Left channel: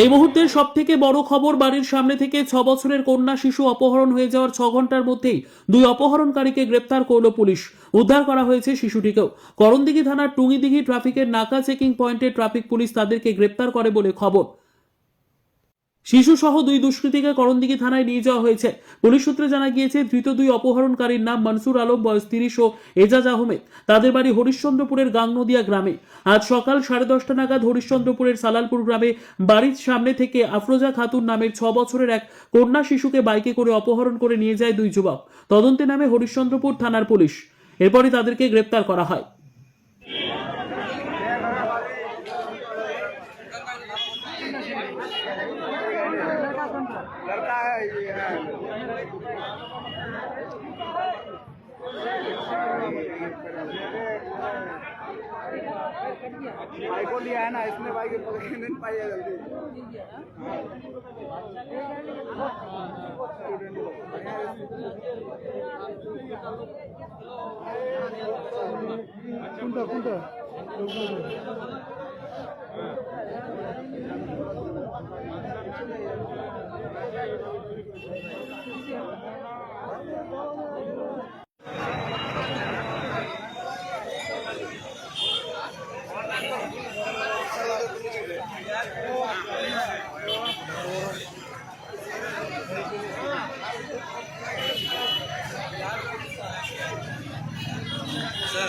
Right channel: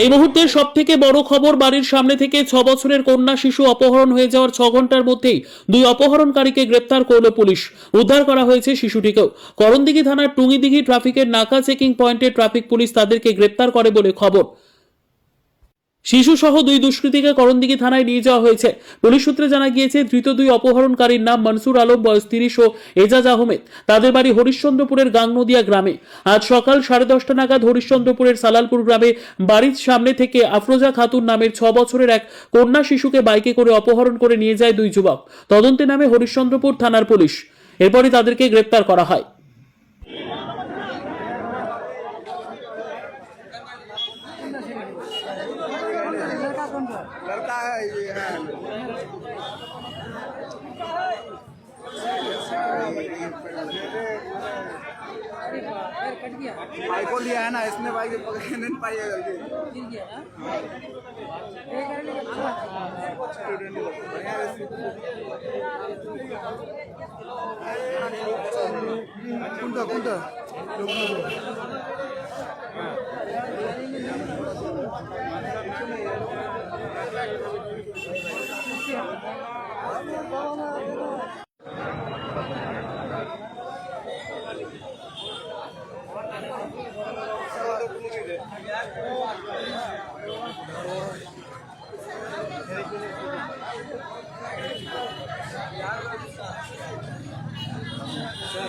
এই মুহূর্তের সব থেকে বড় খবর, বাড়ির সামনে থেকে 6 বছরের কন্যা শিশু অপহরণ হয়ে যাওয়ার 6 ঘন্টার মধ্যেই 2 অপহরণকারীকে গ্রেপ্তার করল পুলিশ। উদ্ধার করা হয়েছে শিশুটিকেও। করণদিঘি থানার টুঙ্গিদিঘি ট্রাফিকের নাকা চেকিং পয়েন্টে ট্রাফিক পুলিশ তাদেরকে গ্রেপ্তার করে বলে খবর। শিশু সহ 2 দুষ্কৃতীকে করণদিঘি থানায় নিয়ে যাওয়া হয়েছে। পুলিশ সূত্রে জানা গিয়েছে, ধৃত 2 অপহরণকারীর নাম মনসুর আলম, বয়স 30 ও এজাজ আহমেদ। তাদের বাড়ি হরিশ্চন্দ্রপুরের গাংনদিয়া গ্রামে। আজ সকাল 10:30 নাগাদ হরিশ্চন্দ্রপুরের সালালপুর গ্রামে বাড়ির সামনে থেকে আফরোজা খাতুন নামের 6 বছরের এক কন্যা শিশুকে বাইকে করে অপহরণ করে নিয়ে যায় 2 যুবক। তদন্তে নামে হরিশ্চন্দ্রপুর থানার পুলিশ। এরপরই তাদেরকে গ্রেপ্তার করা হয়। लड़का है ये है भाई को लिया है ना इसने, भाई नहीं पाइएगा जल्दी। कुंटा कुंटा सर